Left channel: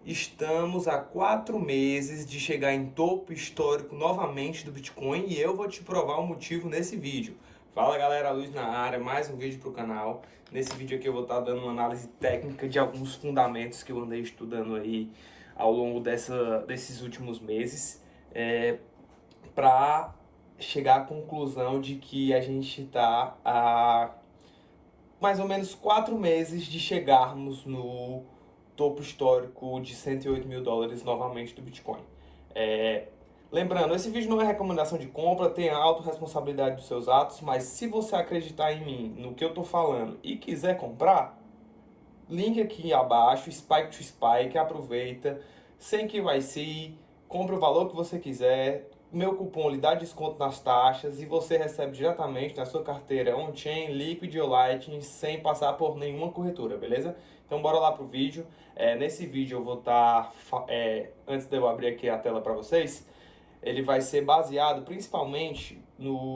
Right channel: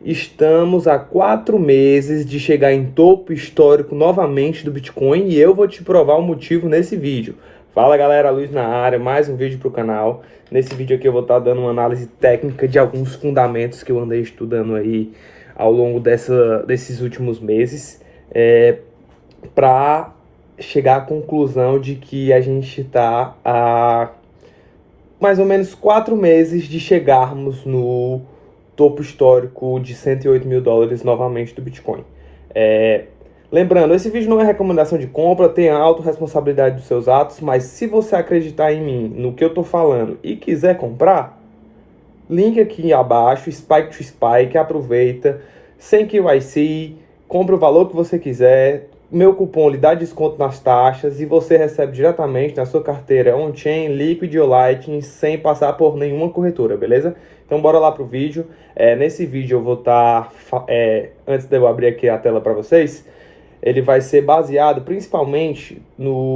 Estamos há 4 meses de chegar em topo histórico novamente do Bitcoin e eu vou te provar o motivo nesse vídeo. Fala galera, Luiz na área, mais um vídeo para o canal. Nesse vídeo aqui eu vou estar dando uma análise técnica de alguns fundamentos que eu andei estudando aí ao longo desses últimos meses, para chegar à conclusão de que a gente está há mais ou menos 4 meses de chegarmos no topo histórico de 108 mil dólares novamente do Bitcoin. É, Lembrando, esse vídeo não é recomendação de compra, tem a autorresponsabilidade dos seus atos, mas se você acreditar em mim, no que eu estou falando e quiser comprar, link aqui abaixo, Spike to Spike, aproveita, sem KYC, compra o valor que você quiser, meu cupom lhe dá desconto nas taxas e você recebe diretamente na sua carteira on-chain, Liquid ou Lightning, sem passar por nenhuma corretora, beleza? Então bora lá pro vídeo. Nesse vídeo eu vou estar, antes de eu abrir aqui a tela para vocês, ele vai ser baseado principalmente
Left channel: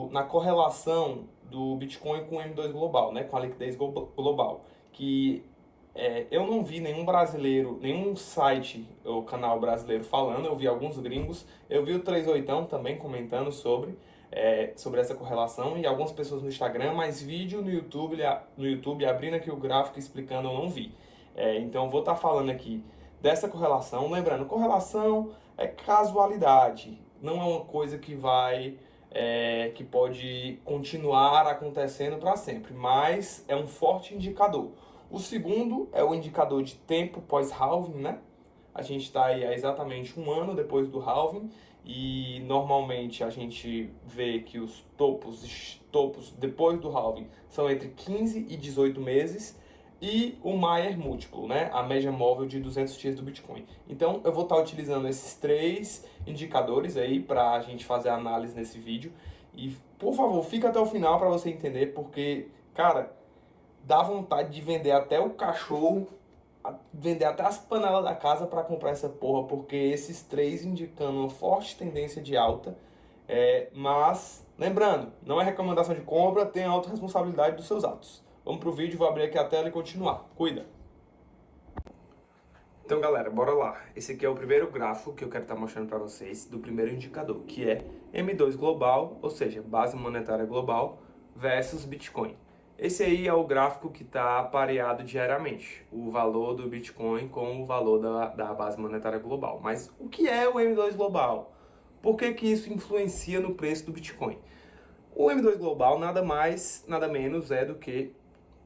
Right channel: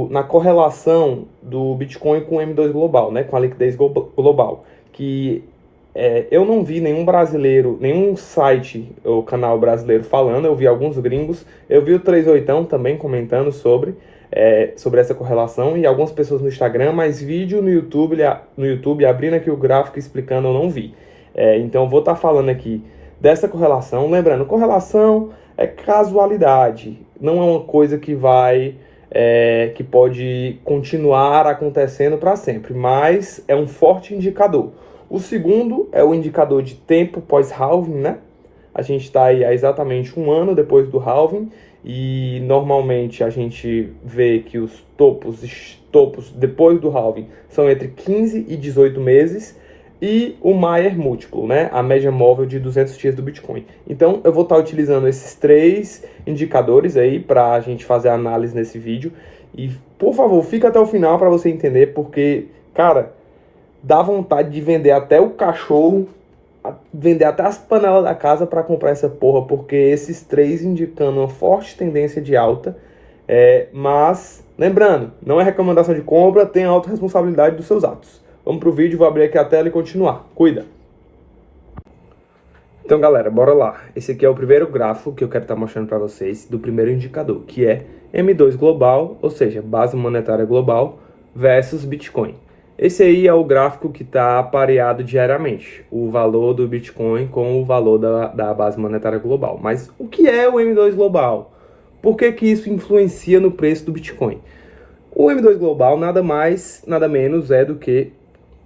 na correlação do Bitcoin com o M2 Global, né, com a liquidez global, que eu não vi nenhum brasileiro, nenhum site ou canal brasileiro falando, eu vi alguns gringos, eu vi o 38 também comentando sobre essa correlação e algumas pessoas no Instagram, mas vídeo no YouTube abrindo aqui o gráfico explicando eu não vi. Então eu vou estar falando aqui dessa correlação, lembrando, correlação é casualidade, não é uma coisa que pode continuar acontecendo para sempre, mas é um forte indicador. O segundo é o indicador de tempo pós-halving, né? A gente está aí há exatamente um ano depois do halving e normalmente a gente vê que os topos depois do halving são entre 15 e 18 meses e o Maier múltiplo, né? A média móvel de 200 dias do Bitcoin. Então eu vou estar utilizando esses 3 indicadores aí para a gente fazer a análise nesse vídeo e, por favor, fica até o final para você entender porque, cara, dá vontade de vender até o cachorro, vender até as panelas da casa para comprar essa porra, porque esses 3 indicando uma forte tendência de alta. Mas, lembrando, não é recomendação de compra, tem a autorresponsabilidade dos seus atos. Vamos pro vídeo, vou abrir aqui a tela e continuar. Cuida! Então, galera, bora lá. Esse aqui é o primeiro gráfico que eu quero estar mostrando para vocês do primeiro indicador, que é M2 global, ou seja, base monetária global versus Bitcoin. Esse aí é o gráfico que está pareado diariamente, o valor do Bitcoin com o valor da base monetária global. Mas o que é o M2 global? Por que que isso influencia no preço do Bitcoin? O M2 global nada mais, nada menos é do que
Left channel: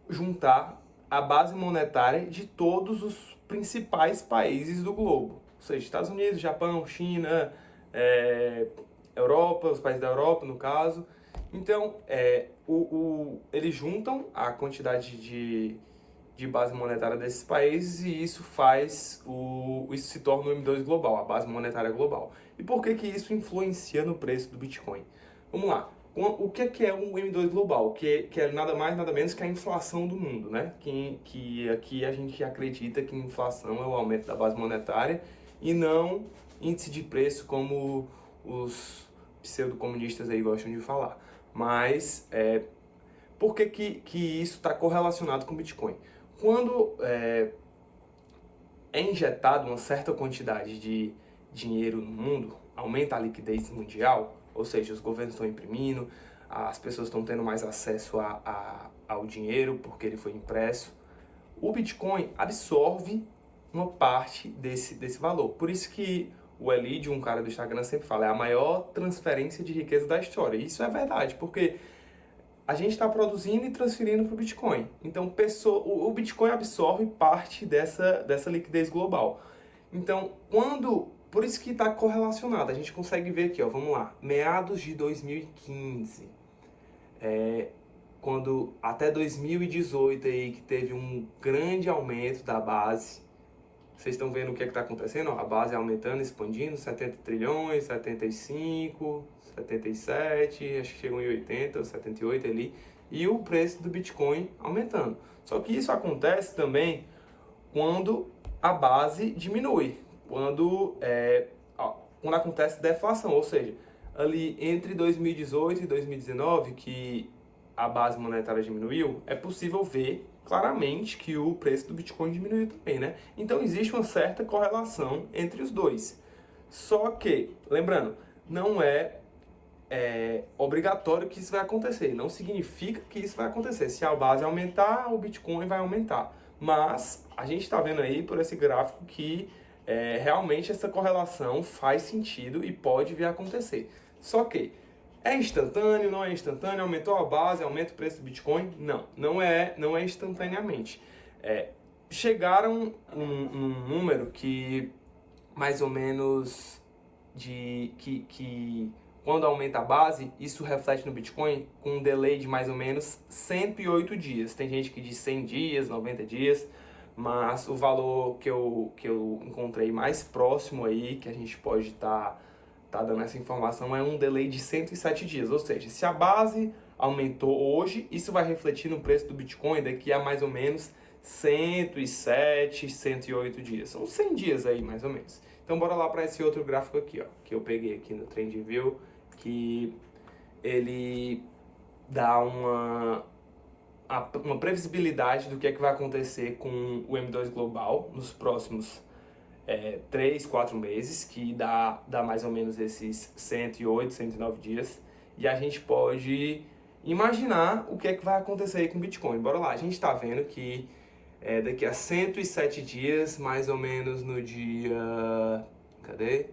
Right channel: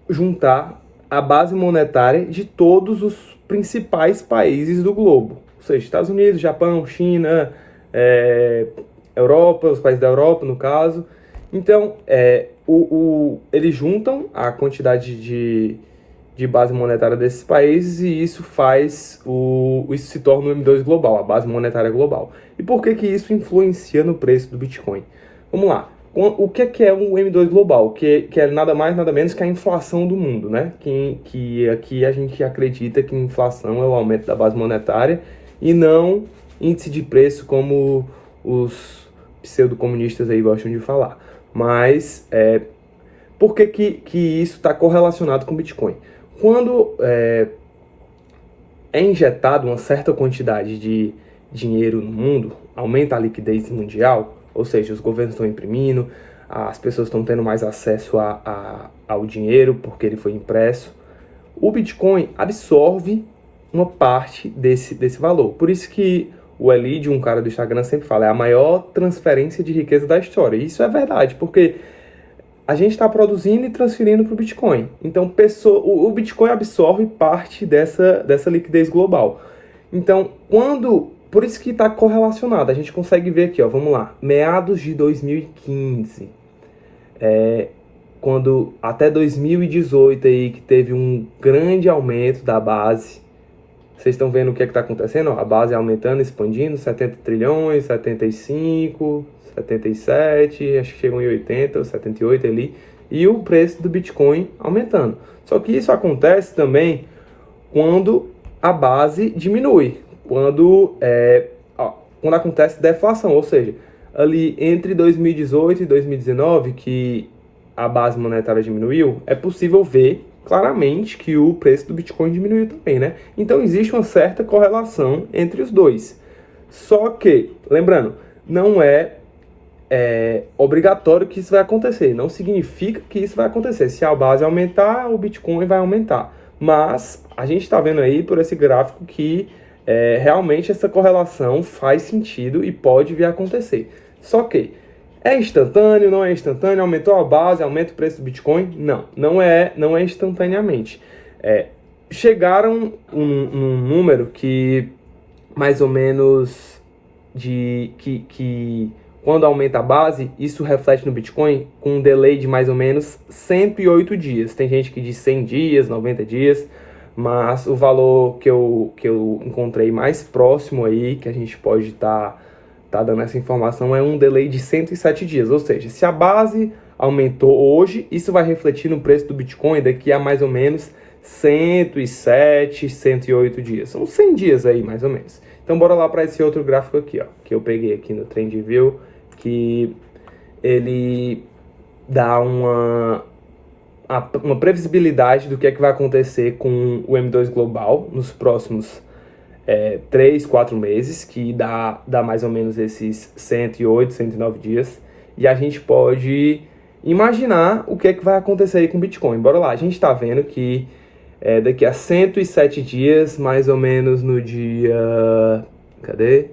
juntar a base monetária de todos os principais países do globo. Ou seja, Estados Unidos, Japão, China, Europa, os países da Europa, no caso. Então, eles juntam a quantidade de base monetária desses países e isso isso se torna o M2 global, a base monetária global. E por que que isso influencia no preço do Bitcoin? Vamos lá. O que é um M2 global? Que é nada mais, nada menos que a inflação do mundo, né? Que aqui a gente acredita que inflação é o aumento da base monetária e não índice de preço como os pseudo-comunistas aí gostam de falar. Mas por que isso está correlacionado com o Bitcoin? Quando é injetado uma certa quantidade de dinheiro no mundo, aumenta a liquidez mundial, ou seja, os governos estão imprimindo, as pessoas estão tendo mais acesso ao dinheiro porque ele foi impresso, o Bitcoin absorve uma parte desse valor. Por isso que o Elid, um cara do Instagram, sempre fala, é a maior transferência de riqueza da história. E isso é verdade, porque a gente está produzindo e transferindo para o Bitcoin. Então, o Bitcoin absorve parte dessa liquidez global. Então, por isso que está correlacionado. A gente consegue ver aqui, ó, vamos lá. Meados de 2015, quando até 2018 aí, que teve um grande aumento da base. Vocês estão vendo o que está acontecendo? Ó, a base aumentando, expandindo, 70 trilhões, 75, 77, acho que chegou em 80, 78 ali, e o preço do Bitcoin aumentando. Só que isso acontece também quando a base diminui, quando acontece deflação, ou seja, ali entre 2018 e 2019, que a base monetária diminuiu, é possível ver claramente que o preço do Bitcoin diminuiu também, né? Então existe uma certa correlação entre os dois. Só que, lembrando, não é obrigatório que isso vai acontecer. Não significa que isso vai acontecer. Se a base aumentar, o Bitcoin vai aumentar. Mas a gente está vendo aí por esse gráfico que realmente essa correlação faz sentido e pode vir a acontecer. Só que é instantâneo, não é instantâneo, aumentou a base, aumenta o preço do Bitcoin? Não, não é instantaneamente. Chegaram um número que mais ou menos que quando aumenta a base, isso reflete no Bitcoin com um delay de mais ou menos 108 dias. Tem gente que diz 100 dias, 90 dias, mas o valor que eu encontrei mais próximo aí, que a gente pode tá dando essa informação, é um delay de 107 dias. Ou seja, se a base aumentou hoje, isso vai refletir no preço do Bitcoin daqui a mais ou menos 107, 108 dias. São 100 dias aí, mais ou menos. Então, bora lá para esse outro gráfico aqui, ó, que eu peguei aqui no TrendView, que ele dá uma previsibilidade do que é que vai acontecer com o M2 Global nos próximos 3, 4 meses, que dá mais ou menos esses 108, 109 dias. E a gente pode imaginar o que é que vai acontecer aí com o Bitcoin. Bora lá, a gente está vendo que daqui a 107 dias, mais ou menos no dia... Cadê?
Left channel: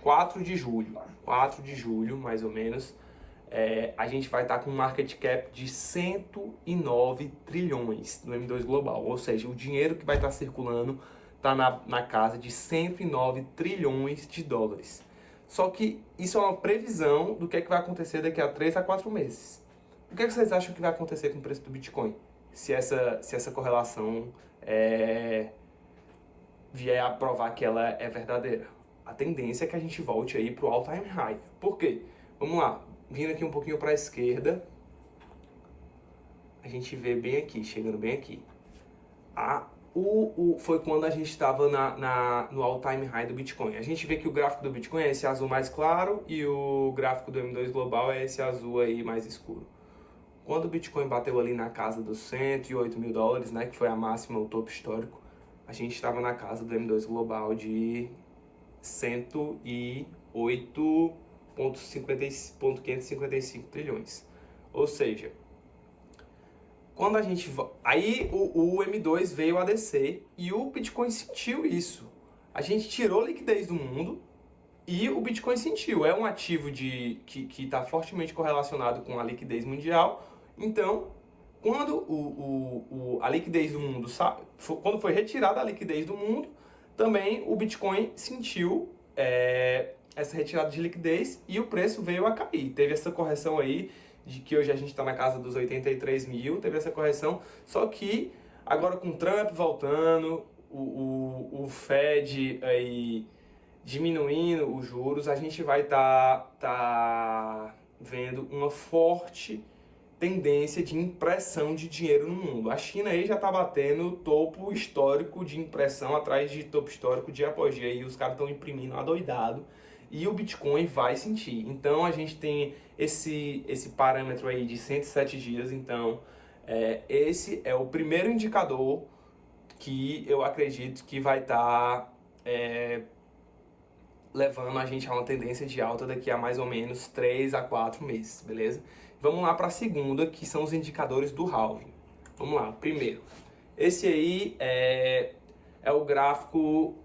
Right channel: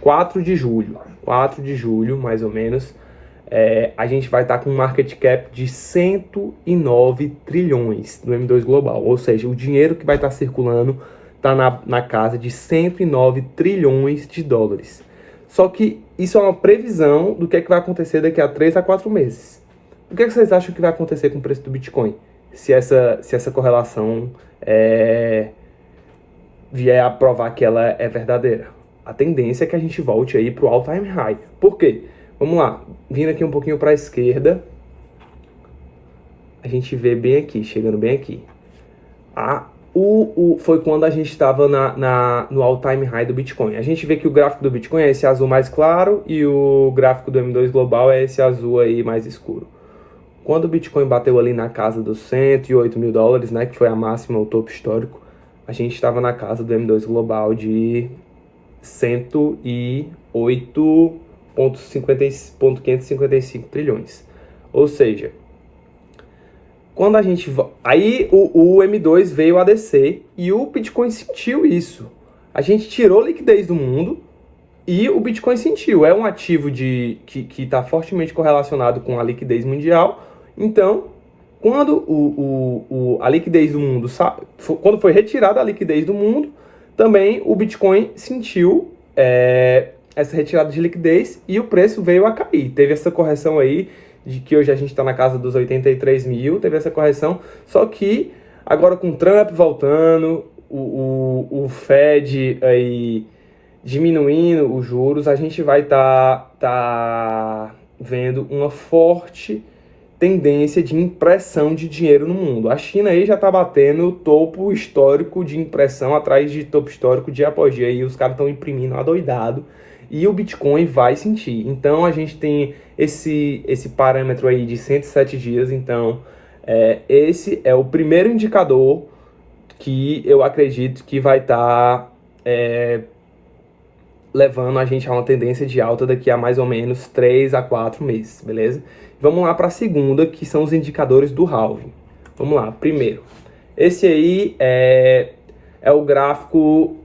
quatro de julho, mais ou menos, a gente vai estar com um market cap de 109 trilhões no M2 Global. Ou seja, o dinheiro que vai estar circulando está na casa de 109 trilhões de dólares. Só que isso é uma previsão do que é que vai acontecer daqui a 3 a 4 meses. O que é que vocês acham que vai acontecer com o preço do Bitcoin? Se essa correlação vier a provar que ela é verdadeira. A tendência é que a gente volte aí para o all-time high. Por quê? Vamos lá, vindo aqui um pouquinho para a esquerda, a gente vê bem aqui, chegando bem aqui. Foi quando a gente estava no all-time high do Bitcoin. A gente vê que o gráfico do Bitcoin é esse azul mais claro e o gráfico do M2 Global é esse azul aí mais escuro. Quando o Bitcoin bateu ali na casa dos 108 mil dólares, né, que foi a máxima, o topo histórico, a gente estava na casa do M2 Global de 108,555 trilhões. Ou seja, quando a gente... Aí o M2 veio a descer e o Bitcoin sentiu isso. A gente tirou liquidez do mundo e o Bitcoin sentiu. É um ativo que está fortemente correlacionado com a liquidez mundial. Então, quando a liquidez do mundo... Quando foi retirada a liquidez do mundo, também o Bitcoin sentiu essa retirada de liquidez e o preço veio a cair. Teve essa correção aí, de que hoje a gente está na casa dos 83 mil, teve essa correção, só que agora com Trump voltando, o Fed aí diminuindo os juros, a gente vai tá vendo uma forte tendência de impressão de dinheiro no mundo. A China aí já está batendo topo histórico de impressão atrás de topo histórico dia após dia. E os caras estão imprimindo adoidado. E o Bitcoin vai sentir. Então a gente tem esse parâmetro aí de 107 dias. Então esse é o primeiro indicador que eu acredito que vai estar levando a gente a uma tendência de alta daqui a mais ou menos 3 a 4 meses, beleza? Vamos lá para a segunda, que são os indicadores do halving. Vamos lá, primeiro. Esse aí é o gráfico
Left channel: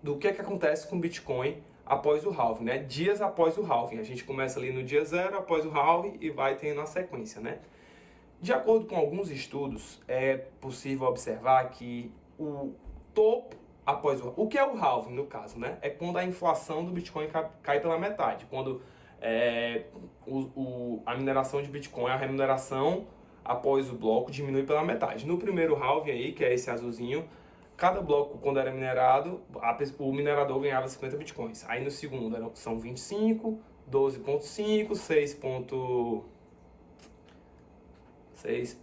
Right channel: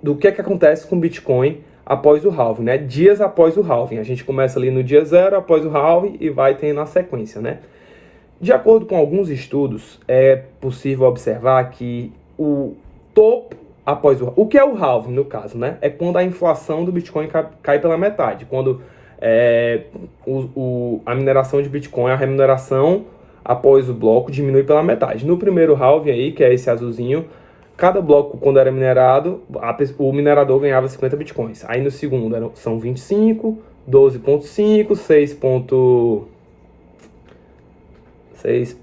do que acontece com o Bitcoin após o halving, né? Dias após o halving. A gente começa ali no dia 0 após o halving e vai tendo a sequência, né? De acordo com alguns estudos, é possível observar que o topo após o que é o halving, no caso, né? É quando a inflação do Bitcoin cai pela metade. Quando a mineração de Bitcoin, a remuneração após o bloco diminui pela metade. No primeiro halving aí, que é esse azulzinho, cada bloco, quando era minerado, o minerador ganhava 50 Bitcoins. Aí no segundo são 25, 12,5, 6,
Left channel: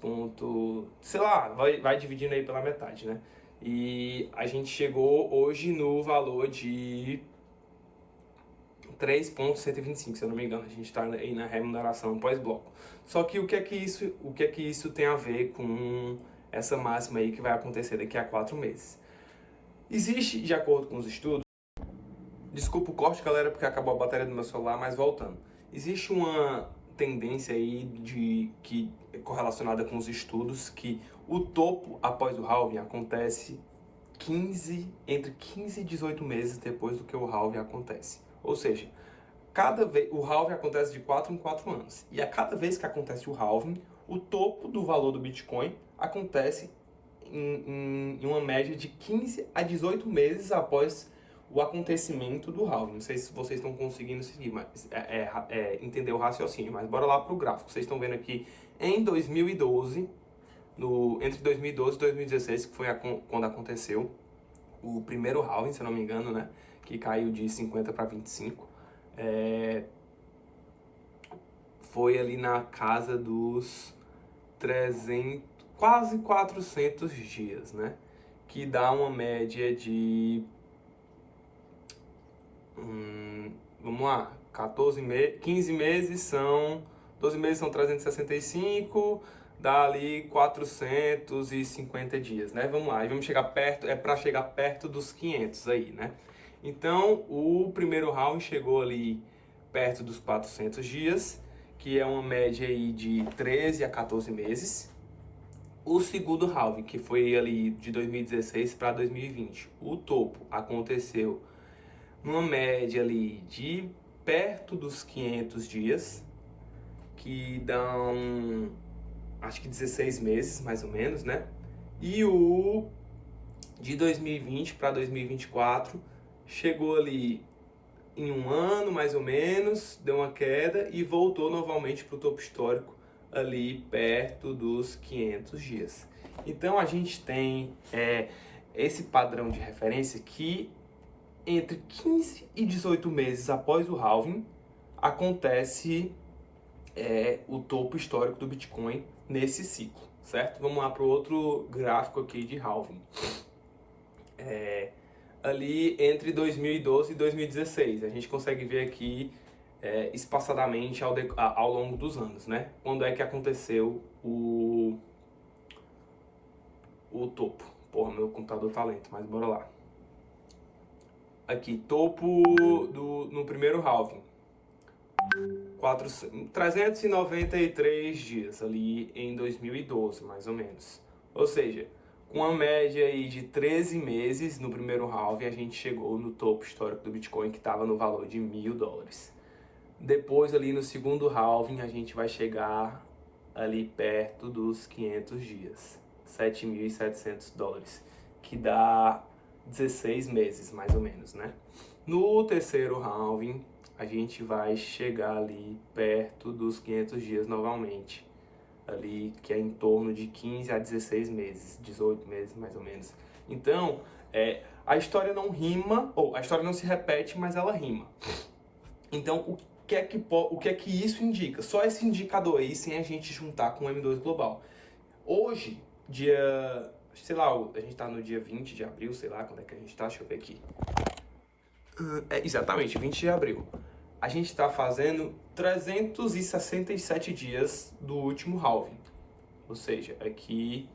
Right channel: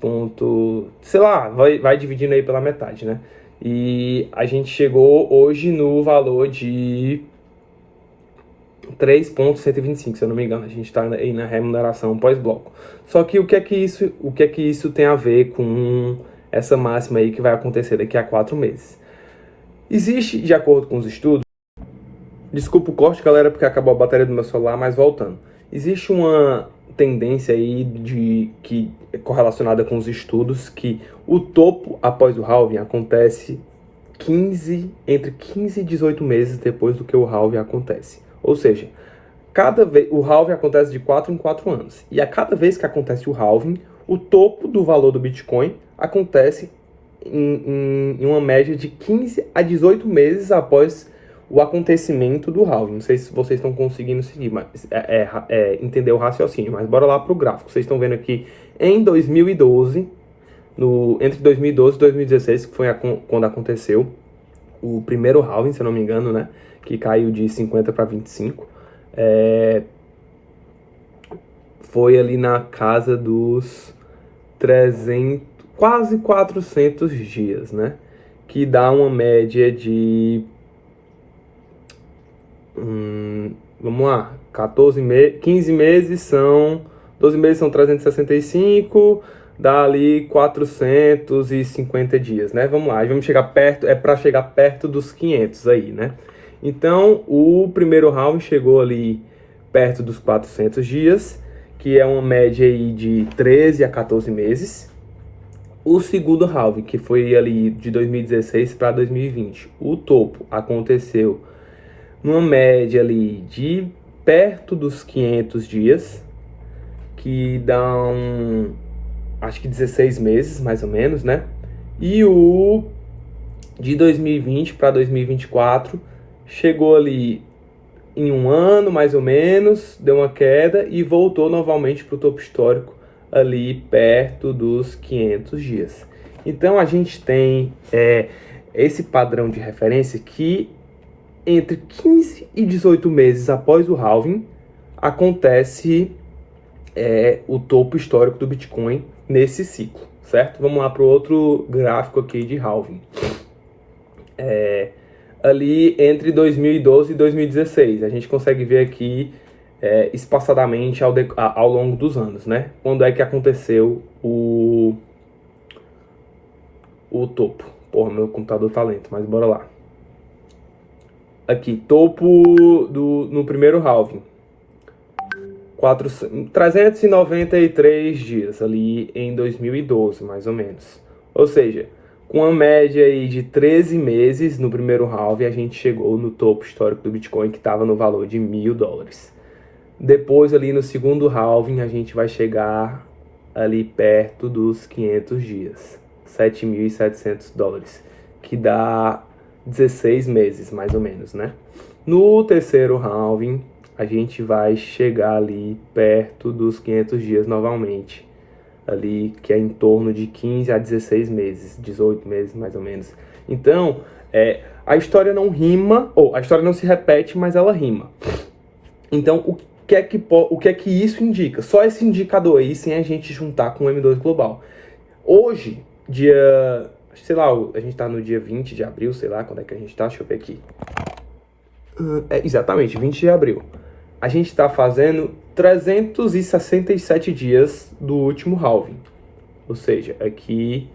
sei lá, vai dividindo aí pela metade, né? E a gente chegou hoje no valor de 3,125, se eu não me engano. A gente está aí na remuneração pós-bloco. Só que o que é que isso tem a ver com essa máxima aí que vai acontecer daqui a 4 meses? Existe, de acordo com os estudos, desculpa o corte, galera, porque acabou a bateria do meu celular, mas voltando. Existe uma tendência aí que é correlacionada com os estudos que o topo após o halving acontece entre 15 e 18 meses depois do que o halving acontece. Ou seja, cada vez o halving acontece de 4 em 4 anos. E a cada vez que acontece o halving, o topo do valor do Bitcoin acontece em uma média de 15 a 18 meses após o acontecimento do halving. Não sei se vocês estão conseguindo seguir, mas entender o raciocínio. Mas bora lá para o gráfico. Vocês estão vendo aqui em 2012, entre 2012 e 2016, que foi quando aconteceu o primeiro halving, se eu não me engano, né? Que caiu de 50 para 25. Foi ali na casa dos 300, quase 400 dias, né? Que dá uma média de... vamos lá, 15 meses são... 12 meses são 365, dá ali 450 dias, né? Vamos lá, vamos chegar perto, para chegar perto dos 500 aí, né? Então, o primeiro halving chegou ali perto dos 400 dias, que é uma média aí de 13 a 14 meses. O segundo halving, que foi ali de 2016 para 2020, o topo aconteceu numa média ali de perto dos 500 dias, que dão, acho que 16 meses, mais ou menos, né? E o de 2020 para 2024 chegou ali em um ano, mais ou menos, deu uma queda e voltou novamente para o topo histórico ali perto dos 500 dias. Então, a gente tem esse padrão de referência que entre 15 e 18 meses após o halving acontece o topo histórico do Bitcoin nesse ciclo, certo? Vamos lá para o outro gráfico aqui de halving. Ali entre 2012 e 2016, a gente consegue ver aqui espaçadamente ao longo dos anos, né? Quando é que aconteceu o topo? Porra, meu computador tá lento, mas bora lá. Aqui, topo no primeiro halving. 393 dias ali em 2012, mais ou menos. Ou seja, com uma média aí de 13 meses no primeiro halving, a gente chegou no topo histórico do Bitcoin, que estava no valor de $1.000. Depois, ali no segundo halving, a gente vai chegar ali perto dos 500 dias, $7.700, que dá 16 meses, mais ou menos, né? No terceiro halving, a gente vai chegar ali perto dos 500 dias novamente, ali que é em torno de 15 a 16 meses, 18 meses mais ou menos. Então, a história não rima, ou a história não se repete, mas ela rima. Então, o que é que isso indica? Só esse indicador aí, sem a gente juntar com o M2 Global. Hoje, sei lá, a gente tá no dia 20 de abril, sei lá, quando é que a gente tá? Deixa eu ver aqui. Exatamente, 20 de abril. A gente está fazendo 367 dias do último halving. Ou seja, aqui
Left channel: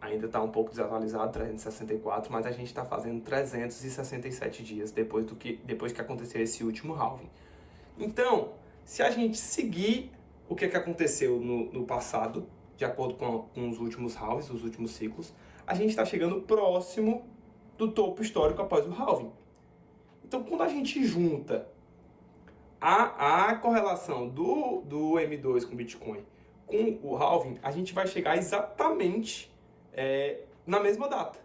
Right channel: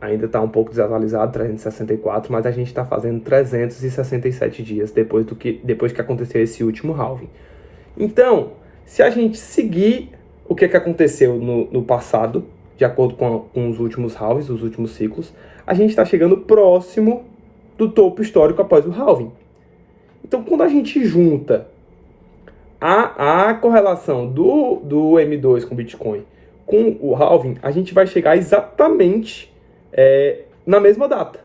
ainda está um pouco desatualizado, 364, mas a gente está fazendo 367 dias depois que aconteceu esse último halving. Então, se a gente seguir o que aconteceu no passado, de acordo com os últimos halvings, os últimos ciclos, a gente está chegando próximo do topo histórico após o halving. Então, quando a gente junta a correlação do M2 com o Bitcoin com o halving, a gente vai chegar exatamente na mesma data.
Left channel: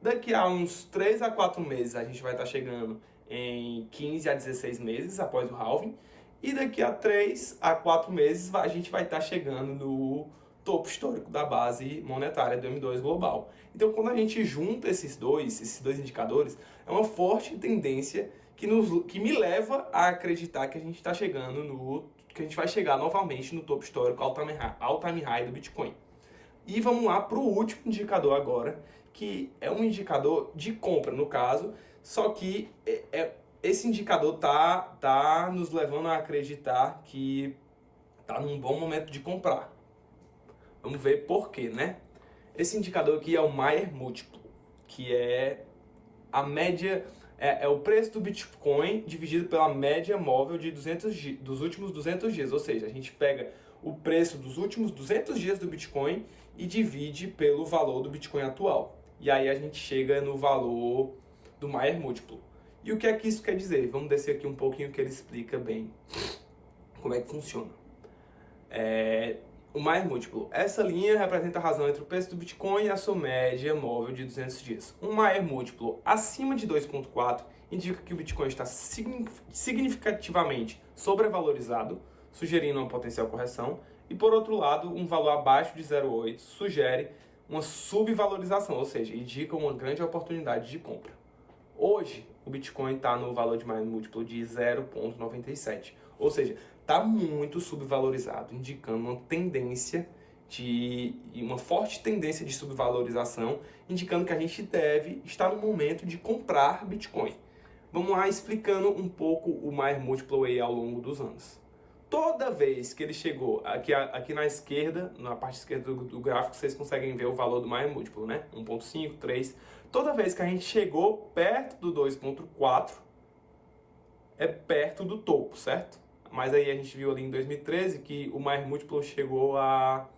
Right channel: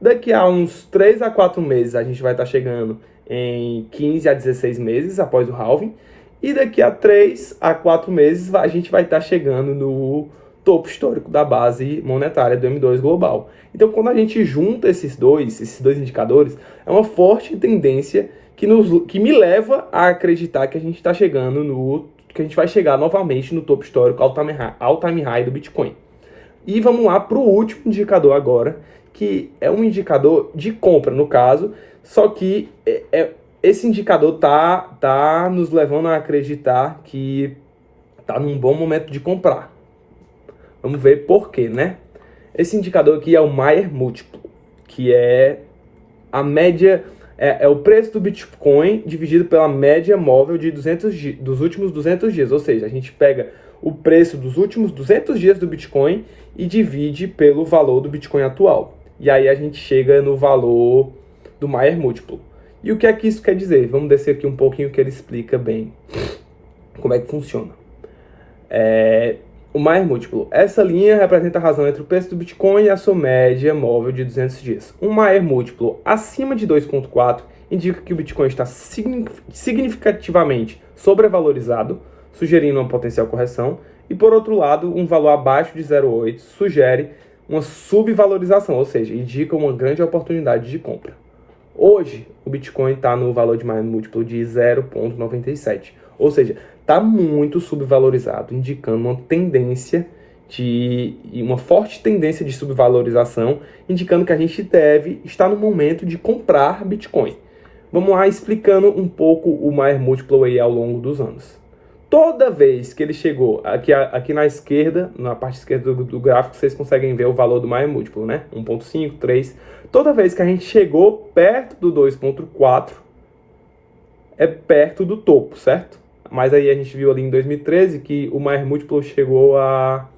Daqui a uns 3 a 4 meses, a gente vai estar chegando em 15 a 16 meses após o halving. E daqui a 3 a 4 meses, a gente vai estar chegando no topo histórico da base monetária do M2 Global. Então, quando a gente junta esses dois indicadores, é uma forte tendência que me leva a acreditar que a gente está chegando que a gente vai chegar novamente no topo histórico all-time high do Bitcoin. E vamos lá para o último indicador agora, que é um indicador de compra, no caso, só que esse indicador tá nos levando a acreditar que tá num bom momento de comprar. Vamos ver por quê, né? Esse indicador aqui é o Maier Múltiplo, que é a média, é o preço do Bitcoin dividido pela média móvel de dos últimos 200 dias. Ou seja, a gente pega o preço dos últimos 200 dias do Bitcoin e divide pelo valor do Bitcoin atual. E aí a gente chega no valor do Maier Múltiplo. E o que é que isso quer dizer? Vamos descer aqui um pouquinho que ele explica bem como é que funciona. O Maier Múltiplo. Essa linha representa a razão entre o preço do Bitcoin e a sua média móvel de 200 dias. Um Maier Múltiplo acima de 2,4 indica que o Bitcoin está significativamente sobrevalorizado, sugerindo uma potencial correção. E, por outro lado, um valor abaixo de 0,8 sugere uma subvalorização, ou seja, indica uma grande oportunidade de compra. Hoje, o Bitcoin está no valor de Maier Múltiplo de 0,97, ou seja, está muito subvalorizado, indicando uma tendência uma forte tendência de subvalorização, indicando que a gente deve estar no momento de comprar Bitcoin. Vamos lá explicando um pouco o Maier Múltiplo aí ao longo dos anos. Toda vez que ele chegou, aqui na esquerda, na parte esquerda do gráfico, vocês conseguem ver o valor do Maier Múltiplo, né? 1,5, 3. Toda vez que a gente chegou perto do 2,4, é perto do topo, certo? Mas aí a gente viu ali em 2013 que o Maier Múltiplo chegou a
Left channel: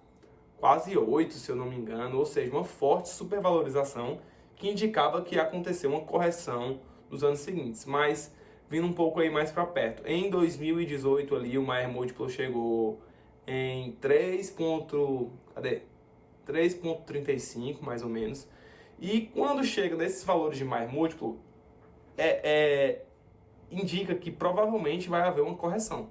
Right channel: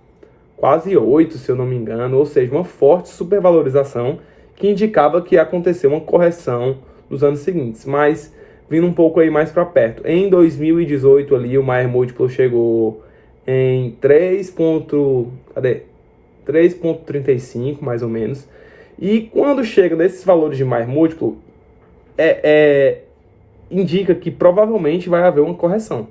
quase 8, se eu não me engano, ou seja, uma forte supervalorização que indicava que ia acontecer uma correção nos anos seguintes. Mas vindo um pouco aí mais para perto, em 2018 ali o Maier Múltiplo chegou em 3,35 mais ou menos. E quando chega nesses valores de Maier Múltiplo, indica que provavelmente vai haver uma correção,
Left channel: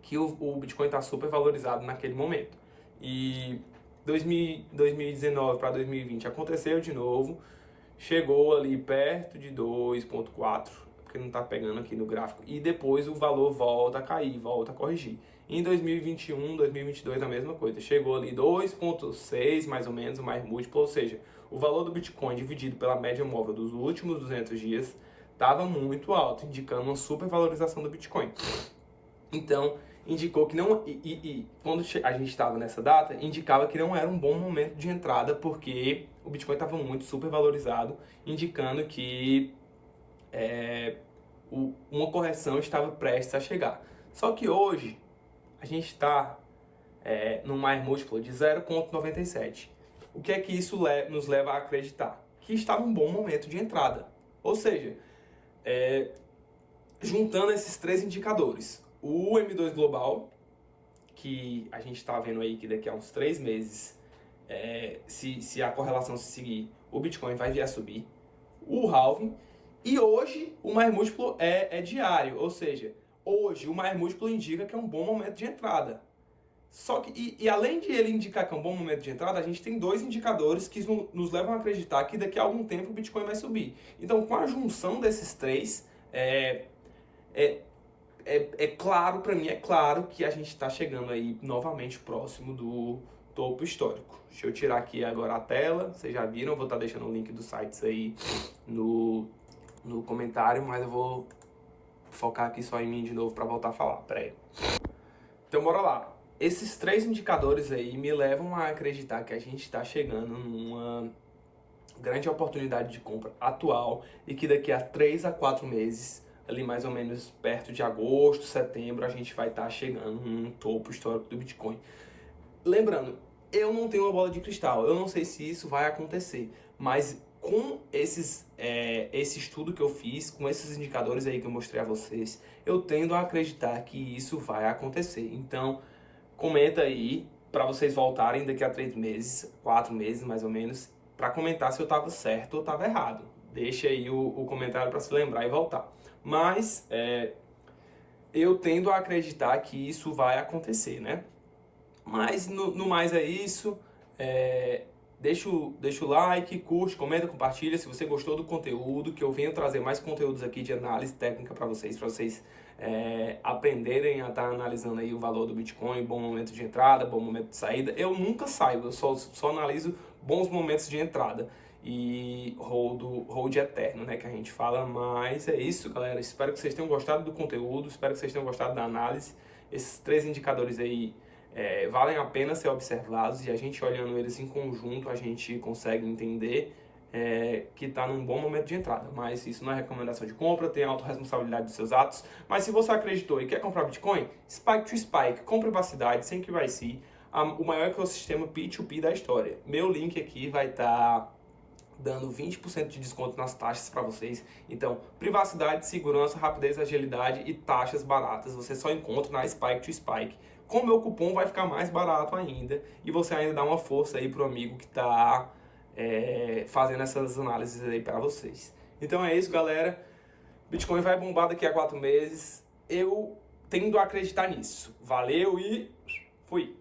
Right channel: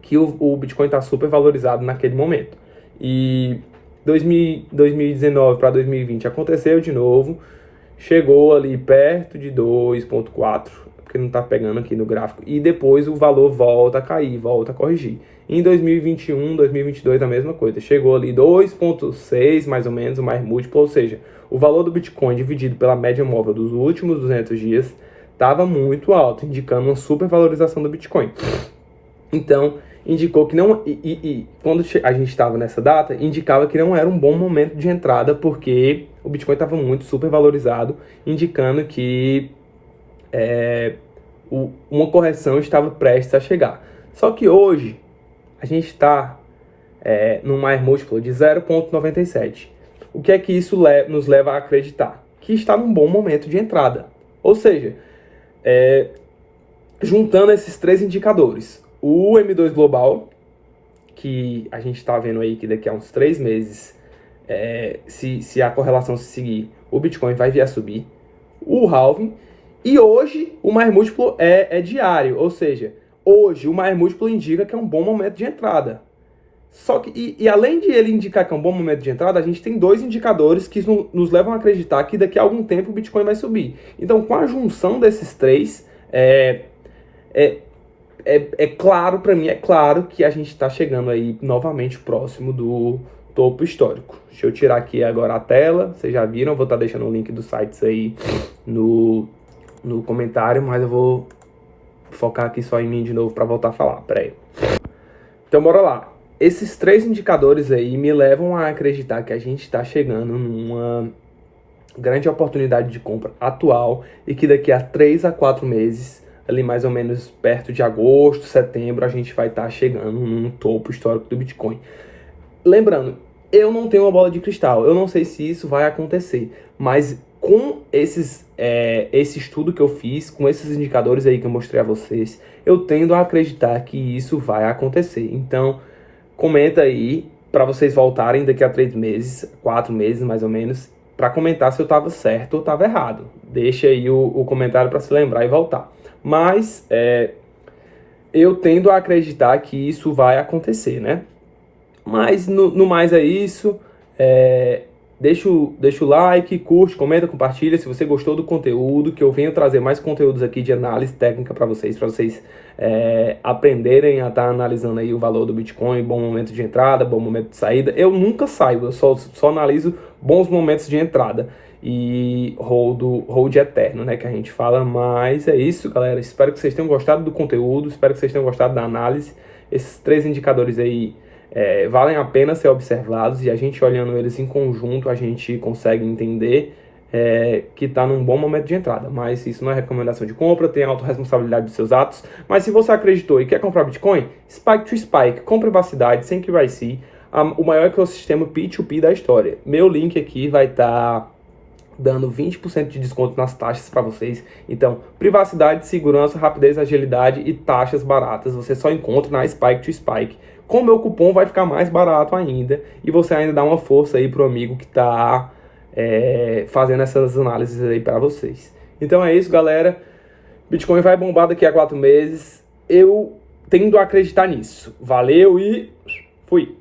que o Bitcoin está super valorizado naquele momento. E 2019 para 2020 aconteceu de novo, chegou ali perto de 2,4, porque não está pegando aqui no gráfico, e depois o valor volta a cair, volta a corrigir. Em 2021, 2022 a mesma coisa, chegou ali 2,6 mais ou menos, o Maier Múltiplo, ou seja, o valor do Bitcoin dividido pela média móvel dos últimos 200 dias estava muito alto, indicando uma supervalorização do Bitcoin. Então, indicou que não... quando a gente estava nessa data, indicava que não era um bom momento de entrada, porque o Bitcoin estava muito supervalorizado, indicando que uma correção estava prestes a chegar. Só que hoje, a gente está num Maier Múltiplo de 0,97. O que é que isso nos leva a acreditar? Que está num bom momento de entrada. Ou seja, juntando esses três indicadores, o M2 Global, que a gente está vendo aí que daqui a uns 3 meses, se a correlação se seguir, o Bitcoin vai vir a subir, o halving, e hoje o Maier Múltiplo é diário, ou seja, hoje o Maier Múltiplo indica que é um bom momento de entrada. Só que, além de ele indicar que é um bom momento de entrada, a gente tem 2 indicadores que nos levam a acreditar que daqui a algum tempo o Bitcoin vai subir. Então, com a junção desses 3, claro, para mim, é claro que a gente está chegando aí novamente próximo do topo histórico. Deixa eu tirar aqui agora a tela, vocês já viram, eu vou estar deixando o link dos sites aí no comentário, mas eu vou focar aqui só em mim de novo para voltar a falar, peraí. Então, bora lá. Esses 3 indicadores aí me levam a acreditar que a gente está chegando numa grande oportunidade de compra atual e que daqui a 3 a 4 meses, ali mais ou menos perto de agosto, setembro, a gente vai estar chegando num topo histórico do Bitcoin. Lembrando, eu não tenho uma bola de cristal, eu não sei se isso vai acontecer, mas com esse estudo que eu fiz, com esses indicadores aí que eu mostrei a vocês, eu tendo a acreditar que isso vai acontecer. Então, comenta aí para vocês voltarem daqui a 3 meses, 4 meses mais ou menos, para comentar se eu estava certo ou estava errado. Deixa aí o comentário para se lembrar e voltar. Mas eu tendo a acreditar que isso vai acontecer, né? Mas no mais é isso. Deixa o like, curte, comenta, compartilha se você gostou do conteúdo, que eu venho trazer mais conteúdos aqui de análise técnica para vocês aprenderem a estar analisando aí o valor do Bitcoin, bom momento de entrada, bom momento de saída. Eu nunca saio, eu só analiso bons momentos de entrada. e hold eterno, né, que a gente fala. Mas é isso, galera. Espero que vocês tenham gostado do conteúdo, espero que vocês tenham gostado da análise. Esses 3 indicadores aí valem a pena ser observados, e a gente olhando eles em conjunto, a gente consegue entender que está num bom momento de entrada. Mas isso não é recomendação de compra, tem autorresponsabilidade dos seus atos. Mas se você acreditou e quer comprar Bitcoin, Spike to Spike, com privacidade, sem KYC, o maior ecossistema P2P da história. Meu link aqui vai estar dando 20% de desconto nas taxas para vocês. Então, privacidade, segurança, rapidez, agilidade e taxas baratas você só encontra na Spike to Spike. Com o meu cupom vai ficar mais barato ainda, e você ainda dá uma força aí pro amigo que está fazendo essas análises aí para vocês. Então é isso, galera. Bitcoin vai bombar daqui a 4 meses. Eu tendo a acreditar nisso. Valeu e fui!